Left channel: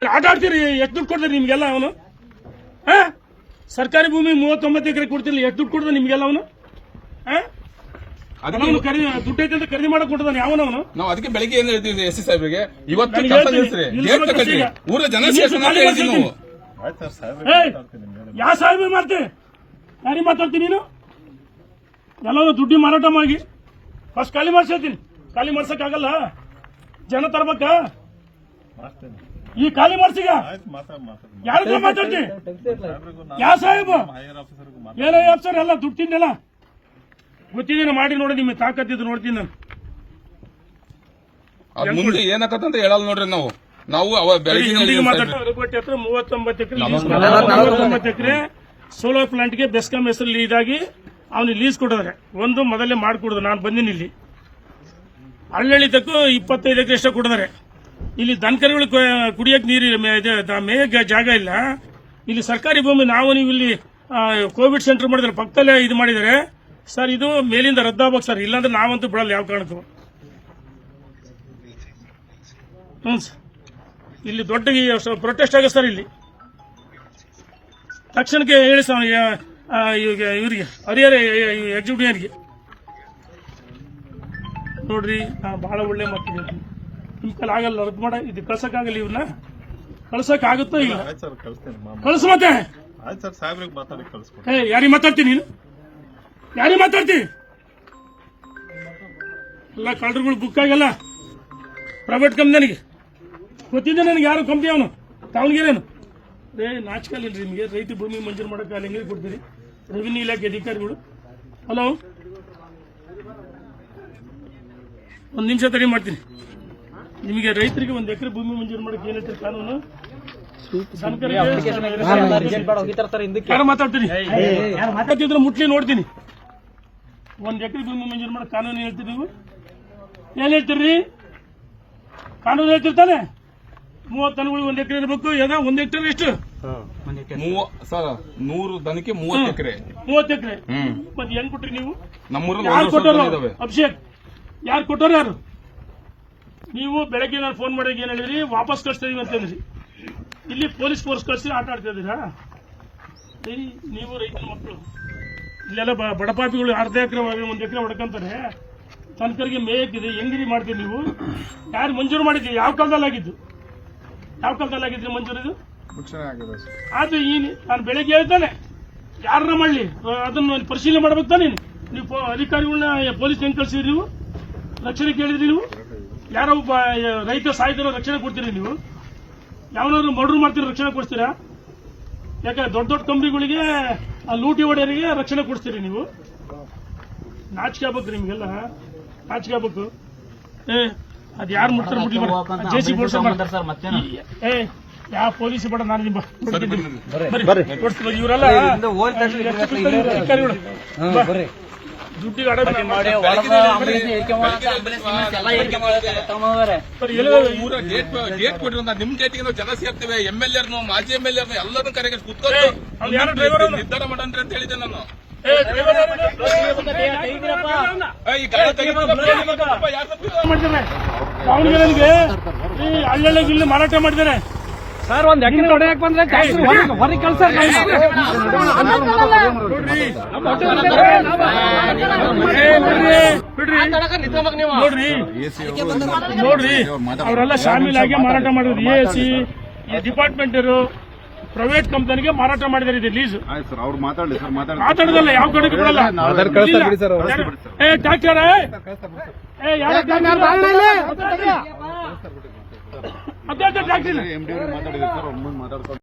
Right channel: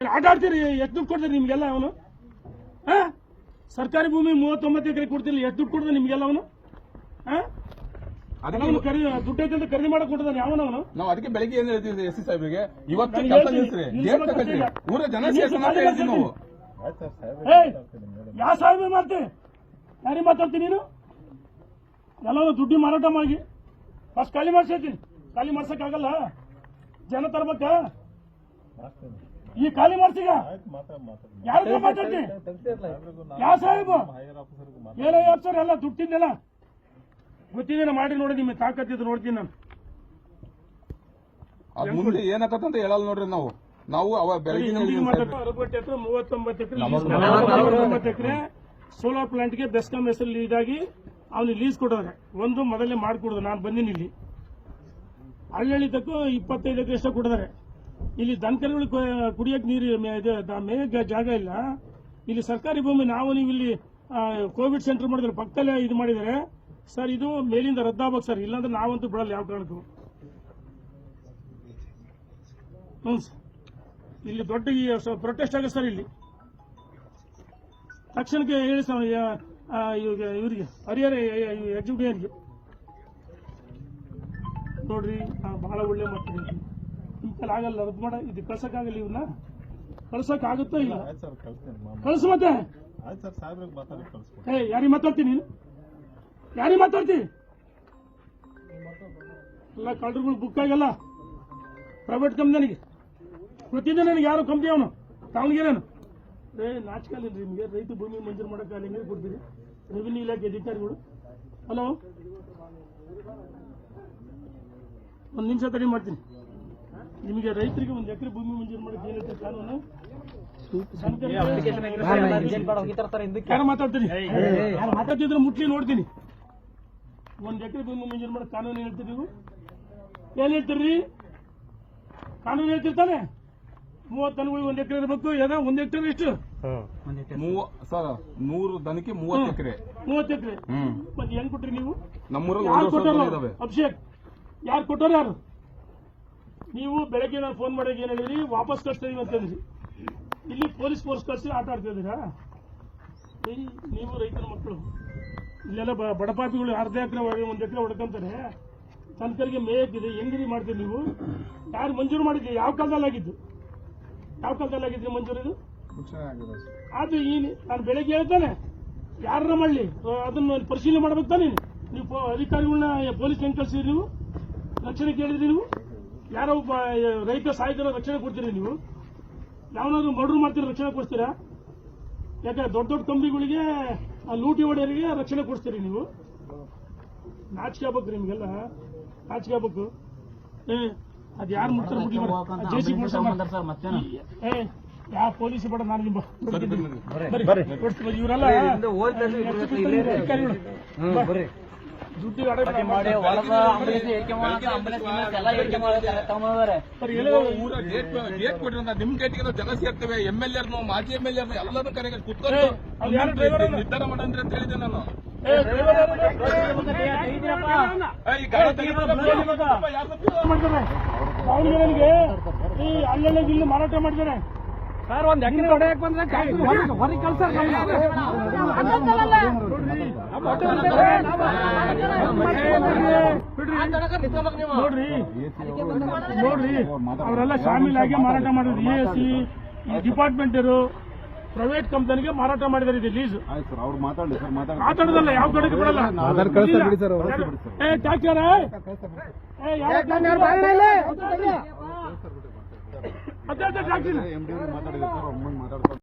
ಆಟ ಆಡ್ತೀರಿ? ಎಷ್ಟು ದುಡ್ಡು ಕೊಡ್ತೀರಿ ನಿಮ್ಗೆಲ್ಲ ಅವನು? ಹಾ? ಸರ್ಕಾರಿ ಭೂಮಿ ಮೂವತ್ತೊಂಬತ್ತು ಎಕರೆ ಕೊಡ್ತಿಲ್ಲ ಎಷ್ಟು ದುಡ್ಡು ಕೊಡ್ತಾನೆ ನಿಮ್ಗೆಲ್ಲ ಅವನು? ಅವನು ಖರೀದಿ ದುಡ್ಡು ಐತೆ ಅಂತ ಖರೀದಿ ಮಾಡಕ್ ಯಾವನ ಅವನು? ನಾವು ಅದಕ್ಕೆ ಬೆಳಿಗ್ಗೆ ಏನ್ ಹೇಳ್ತೀವಿ ಎಸ್ ಸಿ ಸಾಹೇಬ್ರಿಗೆ? ಇವತ್ತು ಕೆಲಸ ಹೇಳ್ತೀನಿ, ನಿಲ್ಲಿಸ್ರಿ ತಗೊಳ್ರಿ ಊರ ಜನ ಮಾತಾಡ್ತೀನಿ ಯಾವ ಸಾಹೇಬ್ ಮಾಡ್ತೆ ಯಾರಿಗೆ ಮಾತಾಡ್ತೀನಿ ನೀನು? ಎಲ್ಲವೂ ದುಡ್ಡಿ ಮಾರಾಟ ಮಾಡಿ. ಫಸ್ಟ್ ಖಾಲಿ ಮಾಡ್ಸಿ ಖಾಲಿ ಮಾಡ್ಸಕ್ಕಾಗಲ್ಲ. ಜನ ತರ್ಬೇಕಾ? ಮಾಡ್ತೇನೆ. ಈ ಖಾಲಿ ಮಾಡ್ಸಿಗ ಯಾರ ಮಾತಾಡ್ತಿ? ಯಾವ ಸಾಹೇಬ? ಏನೋ ಅಪ್ಸರ್ ಎಲ್ಲ ದುಡ್ಡು ತಿಂದೆಲ್ಲ ಗೊತ್ತಿದ್ದೀನಿ ಮಾಡಿ ನೋಡಿ ನಿಮಗೆ ತಾಕತ್ತಿದ್ದು ನೋಡ್ತೀನಿ ನಾನು. ಅದ್ ಮುಂದೆ ಏನಾಕತ್ತಂತ ಹೇಳಲ್ಲ ನೋಡ್ರಿ ನಾವು. ನಾವು ಅವ ಬೆಳಿಗ್ಗೆ ಎಕರೆ ಮೂವತ್ತೊಂಬತ್ತು ಎಕರೆ ಸೋಲಾರ್ ಪ್ಲಾಂಟ್ಗೆ ಬೆಸ್ಕಾಂ ಹೆಸರಲ್ಲಿ ಇದಾಗಿ ಅವನಿಗೆ ಲೀಸ್ ಕೊಡಿದ್ರೆ ಒಂದು ಮೊದಲೇ ಮಾಡಿಕೊಡುದು. ನಾನು ಬಂದಿನಿ ಇಲ್ಲಿ. ಹಳ್ಳಳಿತಕ್ಕೂ ಇಪ್ಪತ್ತೈದು ಎಕರೆ ಎಷ್ಟೋ ಕೊಡಿದಾರೆ ಇಲ್ಲಿ ದನಕರುಗಳು ಕುಡಿಯಕ್ಕೆ ನೀರು ಮೇಯಕ್ಕೆ ಜಾಗ ಇಲ್ಲ. ಇಲ್ಲಿ ಸರ್ಕಾರಿ ಭೂಮಿ ನಾವು ನೀವು ಇಲ್ಲಿ ಕೋವಿಡ್ ಸೆಂಟರ್ ಮಾಡಿದ್ರೆ ಪಕ್ಕದಲ್ಲೇ ಇದು ಮಾಡಿದರೆ, ಸರ್, ಇದು ಮೇಲಿಂದ ರದ್ದಾಗ್ಬೇಕು ಸರ್. ಇಲ್ಲಾಂದ್ರೆ ನಾವಂತೂ ಬಿಡಲ್ಲ ಯಾವ ಕಾರಣಕ್ಕೂ. ಹ್ಞೂ ಸರ್. ಇಲ್ಲಿ ದೊಡ್ಡ ಪ್ರೊಟೆಸ್ಟ್ ಆಗ ಸರ್ ಇಲ್ಲಿ. ತಕ್ಷಣಕ್ಕೆ ಹೇಳಿ ಸರ್ ಇವ್ರಿಗೆ ಹರಿಹರ ಎಕ್ಸಿಕ್ಯೂಟಿವ್ಗೆ ನೋಡ್ರಿ ಬಹಳ ಒಳ್ಳೆ ಮಾತಿದ್ದೀನಿ ಕೈಲಿ ಆಗಲ್ಲ ರದ್ದು ಮಾಡ ಇದು ಕಳ್ಸಕ್ಕಾಗಲ್ಲ ಇವನ್ನ ಕಳ್ಸಕ್ಕಾಗುತ್ತೋ ಇಲ್ಲ? ಆಯ್ತು ಸರ್ ಕಳಿಸ್ತೀನಿ ಕಳ್ಸು ಮತ್ತೆ. ಆಯ್ತು ಸರ್ ಸಾಹೇಬ್ರಿಗೆ ಮಾತಾಡಿ ಕಳಿಸ್ಕೊಡಿ. ಏ ಯಾರಿಗೆ ಮಾತಾಡ್ತೀನಿ ನೀನು? ಯಾರಿಗೆ ಮಾತಾಡ್ತೀನಿ ಎಲ್ಲ ಕಳ್ಳರುಗಳು ಬುಕ್ ಆಗಲ್ಲ. ಪ್ರೈವೇಟ್ ಕಂಪ್ನಿಗೆ ಗೊತ್ತಿದೆ ನನಗೆ ಯಾರು ಕಂಪ್ನಿ ಅವನು? ದಾವಣಗೆರೆನು. ರೇ ನಾಚಿಕಲ್ ಇಲ್ರಿ ನಿಮಗೆ. ರೈತ ಭೂಮಿ ಮಂಜೂರು ಮಾಡೋಕೆ ಅಲ್ಲಿ ಹೆಂಗೆ ಕೊಡ್ತೀರಿ? ರೆವಿನ್ಯೂ ಇಲಾಖೆ ಅಧಿಕಾರಿಗಳು. ಹಲೋ ಒಂದು ನಿಮಿಷ ತಡಿ ಮಾಡ್ತೀನಿ. ನಿಮಗೆ ರೈತರಿಗೆ ಒಂದು ಎಕರೆ ಭೂಮಿ ಮಂಜೂರು ಮಾಡಕ್ಕೆ ಏನೈತೆ ಕಾನೂನು? ಮಾತಾಡ್ತೀನಿ ಯಾರು ಮಾತಾಡ್ತಿದ್ರೆ ಮುಟ್ಲಿ ನೋಡ್ತೀನಿ. ಒಂದ್ ಎಕರೆ ಭೂಮಿ ಮಂಜೂರು ಮಾಡಿ ಕಾನೂನು ಹೇಳ್ತೀರಿ ನೀವು? ಏನ್ ಹೇಳ್ತೀರಿ? ಕಾನೂನು ಹೇಳ್ತಿರ್ತಾನೆ ಮೂವತ್ತು ದನಗಳು ಒಂದ್ ಎಕರೆ ಇರ್ಬೇಕು ಯಾವ ಒಂದ್ ಎಕರೆ ಎಷ್ಟು? ಮೂವ ಸರ್ ನೂರು ದನಕ್ಕೆ ಮೂವತ್ತು ಎಕರೆ. ಮೂವತ್ತು ಎಕರೆ. ಮತ್ತೆ ಹೆಂಗ್ ಕೊಟ್ರಿ ನೀವು? ನಮ್ಮೂರಲ್ಲಿ ಕೊಟ್ಟರು ಅಭಿಷೇಕ್ ಯಾರು ಕೊಟ್ಟರು ಯಾರು? ನೀವು ಬೆಳಗ್ಗೆ ನಾನು ಫೋನ್ ಮಾಡಿದಾಗ ಏನು ಹೇಳಿದ್ರಿ? ವಾಪಸ್ ಕಳಿಸ್ತಾ ಇದೀವಿ ಅಂತ ಹೇಳಿದ್ರಿ. ಇಲ್ಲಿ ಪೊಲೀಸ್ ಫೋರ್ಸ್ ಕಳಿಸಿ ಆಟ ಆಡ್ತಾ ಇದ್ದೀರಾ? ನೀವು ರೈತನ ಮಕ್ಕಳು. ಇಲ್ಲೆಲ್ಲ ಬಡಪಾಪಿಗಳು ಅರ್ಧ ಎಕರೆ ಒಂದು ಎಕರೆ ಹೊಡ್ಕೊಂತಾರೆ ತನಕರಿಗೆ ಮೇಯಕ್ಕಿದೆ. ಹೆಂಗಿರಿ ಮಾಡ್ತೀವಿ ನೀವು? ಯಾರು ಮಂಜೂರು ಮಾಡಿದ್ರಿ? ಯಾವ ಕಾಲದಲ್ಲಿ ಆಗಿದ್ದು? ಯಾವ ಕಾಲದಲ್ಲಿ ಆಗಿದ್ರಿ ಮಂಜೂರು ಇದು? ಅದು ಈ ನಾನು ಬೆಳಗ್ಗೆ ಹೇಳ್ತಾನೆ. ಯಾರನ್ನ ಮಾಡಲಿ? ಅದನ್ನು ಪರಿಶೀಲನೆ ಮಾಡ್ಬೇಕು ತಾನೇ ನೀವು ಅಧಿಕಾರಿಗಳನ್ನ ಪೊಲೀಸ್ ಹೆಂಗ್ ಕಳ್ಸಿದ್ರಿ ನೀವು? ರಕ್ಷಣೆ ಕೇಳಿದ್ರಿ ನೀವು? ಯಾರೋ ಒಬ್ಬ ರೈತ ಸಾಯ್ತಿರೋ ರಕ್ಷಣೆ ಕೊಡ್ತೀರಿ ನೀವು? ಯಾವನಾದ್ರು ಮರ್ಡರ್ ಮಾಡ್ತೀರಿ ರಕ್ಷಣೆ ಕೊಡ್ತೀರಾ? ಯಾಕೆ ದೊಡ್ಡ ದೊಡ್ಡ ಕಂಪ್ನಿಗಳಿಗೆ ಆ ಲೂಟಿ ಒಡೆಯರಿಗೆ ರಕ್ಷಣೆ ಕೊಡ್ತೀರಿ ನೀವು? ನಾಚಿಕೆ ಆಗ್ಬೇಕು ನಿಮ್ಗೆಲ್ಲ ನಾಚಿಕೆ ಆಗ್ಬೇಕು. ಏ ಅದು ಯಾರು ಮುಟ್ತಾರೆ ಬಿಡ್ಲಿ ಜೆ ಸಿ ಏ ಯಾವ ಪೊಲೀಸ್ ಬೇಡ ನಾನು ನಿಮ್ಮ ಇವರೆಲ್ಲ. ದುಡ್ಡಿಗೆ ಊರ ಕೊಟ್ಟಿರೋ ನಿಮ್ ಗೇಟ್ ಜನ ಸೇರ್ತೇವೆ ಎಂ ಎಲ್ ಎರ್ನು ಮಾಜಿ ಎಂ ಎಲ್ ಎರ್ನು ಎಲ್ಲರೂ ಕರೆಗೆ ಕುತ್ಕೊಂಡು? ನಿರ್ಧಾರ ಮಾಡಂದ್ರೆ ಅಂತ ಹೇಳಿದೆ ನಾನು ದಾವಣಗೆರೆಗೆ ಈ ಹಳ್ಳಿ ಇಲ್ಲಿ ಮಾರಾಟ ಮಾಡಿದ್ದಾರೆ ಸರ್ ಒಂದ್ ಎಕರೆ ಹೊಡೆಯಕ್ ಬಂದ್ರೆ ಹೊರಗೆ ಕೆಲಸ ನೋಡ್ರಿ ನೋಡ್ರಿ ಅವರೆಲ್ಲ ಆಗಿ ಮಾರಾಟ ಮಾಡಿದ್ರು ಎ ಸಿ ಡಿಪಾರ್ಟ್ಮೆಂಟ್ ಪ್ರೈವೇಟ್ ಕಂಪನಿಗೆ ಮಾರಾಟ ಮಾಡಿದಾರೆ ಇದು ಲೀಸ್ ಮಾತಾಡೋದಲ್ಲ ಯಾವ ಕಡೆಗೆ ಬಿಡಲ್ಲ? ಏ ಟ್ಯಾಕ್ಟರ್ ಏ ಯಾರ